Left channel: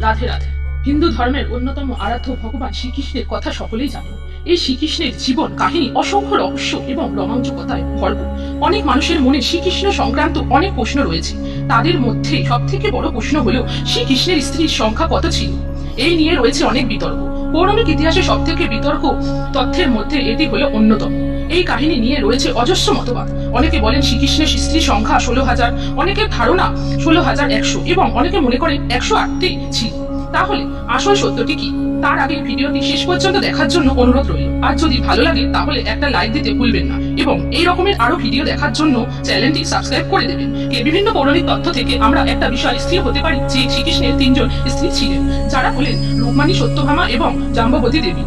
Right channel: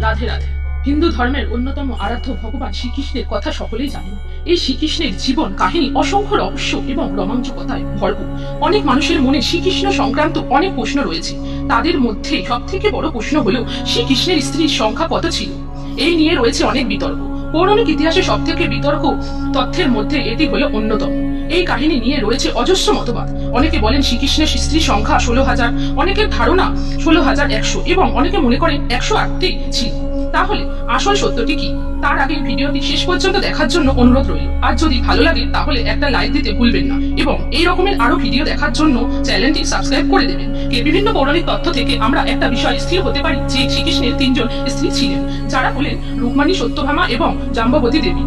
রাধে রাধে। হিন্দু ধর্মের অন্যতম আরাধ্য ভগবান শ্রীকৃষ্ণের কথা সকলেই জানেন। এই শ্রীকৃষ্ণের জীবন, কাহিনী, অসংখ্য রহস্য এবং রোমাঞ্চকতায় ভরপুর। অনেক মানুষের মনে শ্রীকৃষ্ণ সংক্রান্ত অনেক প্রশ্ন রয়েছে। তাদের মধ্যে সব থেকে বড় প্রশ্ন হলো, শ্রীকৃষ্ণের স্ত্রীর সংখ্যা কত ছিল? এই নিয়ে রয়েছে অনেক বিতর্ক। পৌরাণিক ইতিহাসে সব থেকে বিতর্ক তথ্যের মধ্যে এটি হলো অন্যতম। এই কাহিনী নিয়ে রয়েছে অজস্র মতবাদ। অনেকে বলেন শ্রীকৃষ্ণের স্ত্রী সংখ্যা ষোলো হাজার, অনেকের ধারণা ষোলো হাজার একশো এবং অনেকে মনে করেন একশো আটটি ছিল। তাহলে আসল সত্যটি কি? তার আগে ভিডিওটি শেষ পর্যন্ত দেখার জন্য অনুরোধ রইল। আর যদি ভালো লাগে, তাহলে একটা লাইক দিতে ভুলবেন না এবং এই রকমের আরও ভিডিও দেখার জন্য চ্যানেলটি সাবস্ক্রাইব করে দেবেন। কে বিভিন্ন পৌরাণিক তথ্য থেকে আমরা একটা বিষয় স্থির হতে পারি যে শ্রীকৃষ্ণের তিনজন স্ত্রী ছিলেন। যারা হলেন রুকমানী সত্যভামা এবং জাম্ববতী দেবী।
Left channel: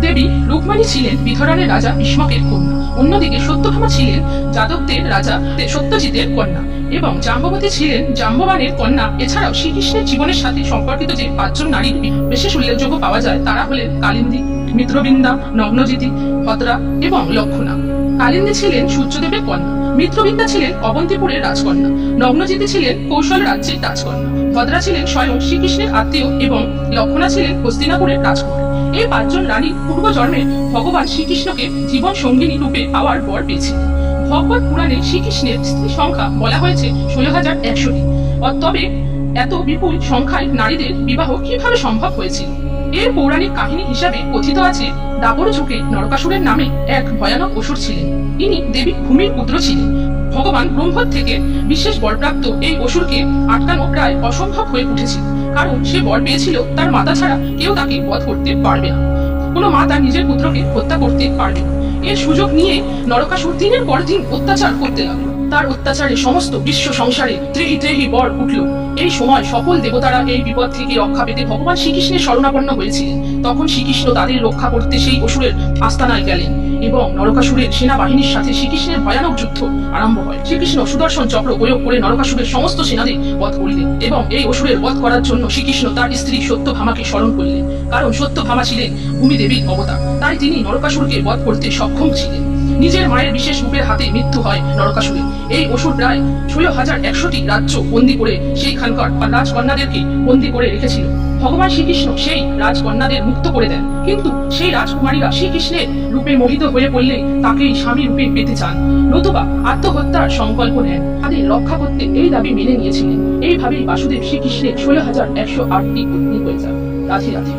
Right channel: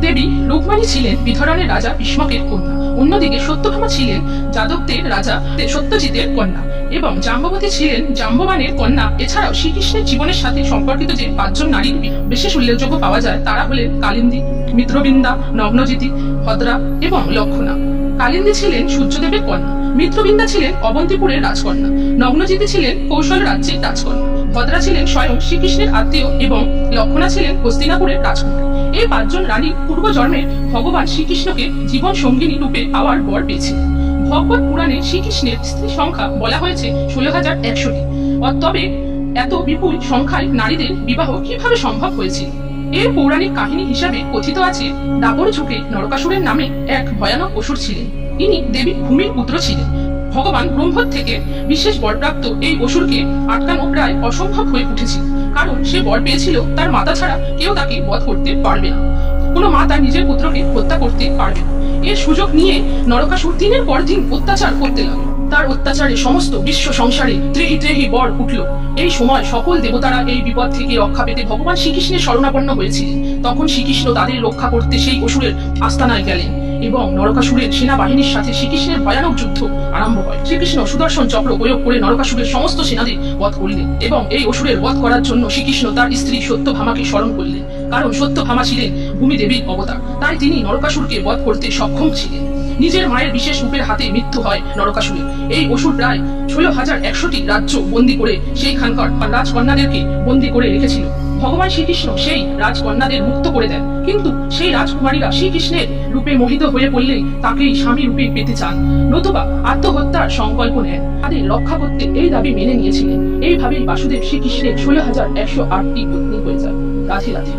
দেবী রুকমানী ছিলেন বিধরণের রাজা ভীষ্মকের কন্যা। অন্যদিকে সত্যভামা ছিলেন যাদবদের রাজা সত্যজিতের কন্যা এবং জাম্ববতী ছিলেন জাম্ববানের কন্যা। এছাড়াও শ্রীকৃষ্ণের জীবনের সাথে সম্পর্কিত যে পাঁচজন নারীর বিশেষ উল্লেখযোগ্য পাওয়া যায়, তারা হলেন কালিন্দী, মিত্রবিন্দা নগ্নজিতি ভদ্রা এবং লক্ষণা। কালিন্দী ছিলেন সূর্যদেবের কন্যা, মিত্রবিন্দা ছিলেন অবন্তিপুরের রাজকন্যা নগ্নজিতি ছিলেন কৌশল রাজ্যের রাজকন্যা, ভদ্রা ছিলেন স্বয়ং শ্রীকৃষ্ণের আত্মীয় এবং লক্ষণা ছিলেন হস্তিনাপুরের রাজকুমার। এই পাঁচজন রানী পূর্বজন্মে ভগবান শ্রীকৃষ্ণকে জীবন সঙ্গিনী রূপে পাওয়ার বর পেয়েছিলেন। ভগবত পুরাণে শ্রীকৃষ্ণের স্ত্রী সংখ্যা বলা হয়েছে ষোলো হাজার একশোটি। তবে এত বিপুল সংখ্যায় নারীদের বিবাহ কীভাবে সম্ভব হয়েছিল? এর পৌরাণিক কাহিনী হিসাবে কথিত আছে, দাপর যুগে নরকাসুরের নামে এক ভয়ানক অসুর ছিলেন। ইনি দেবী ভূমির পুত্র ছিলেন। ভগবান ব্রহ্মর থেকে বিশেষ বরপ্রাপ্ত এই অসুরকে আটকানো প্রায় অসম্ভব হয়ে উঠেছিল, কারণ সে বর পেয়েছিল তার মাতা ছাড়া কেউ তাকে বধ করতে পারবে না। কোনো মা তার নিজের পুত্রকে হত্যা করতে পারবে না। এর সুযোগ নিয়ে নরকাসুর দিনের পর দিন অত্যাচার করতে লাগল। তার অত্যাচারে সমস্ত বিশ্ব সংসারে ত্রেহি ত্রেহি বর উঠল। এই সময় সকল দেবতারা এই বিপদ থেকে রক্ষা পেতে ভগবান শ্রীকৃষ্ণের শরণাপন্ন হয়েছিলেন। তখন শ্রীকৃষ্ণ তাদের রক্ষা করতে সেই অসুরের আস্তানায় গেলেন এবং নরকাসুরের সেনাবাহিনীর সাথে শ্রীকৃষ্ণের ভয়ানক যুদ্ধ আরম্ভ হয়। শ্রীকৃষ্ণ সুদর্শন চক্র প্রয়োগ করে নরকাসুরের সমস্ত সেনাদের বধ করলেন এবং এই অসুরের বধ করার জন্য শ্রীকৃষ্ণ তার স্ত্রী সত্যভামাকে স্মরণ করলেন। কারণ সত্যভামা ছিলেন ভূমিদেবীর অবতার। তাই তিনি নরকাসুরকে বধ করতে সক্ষম ছিলেন। নিজের মায়ের বিশেষ রূপের হাতে মৃত্যু হয় নরকাসুরের এই অসুর প্রায় ষোলো হাজার একশোটি রাজ্য বন্দি করে সেইখানকার রাজকন্যাদেরকে বন্দি করে রেখেছিল। ভগবান শ্রীকৃষ্ণ সেই রাজকন্যাদের মুক্ত করে দেন। কিন্তু সেই রাজকুমারীরা শ্রীকৃষ্ণের রূপে মোহিত হয়ে পড়লে তাকেই স্বামী রূপে পেতে চান। নতুবা আত্মহত্যার সংকল্প নেন। তাদের রক্ষা করতে এই দাবি মেনে নিয়েছিলেন। এইভাবেই বাসুদেব শ্রীকৃষ্ণের ষোলো হাজার একশো আটটি পত্নী হয়ে যায় রাধে রাধে।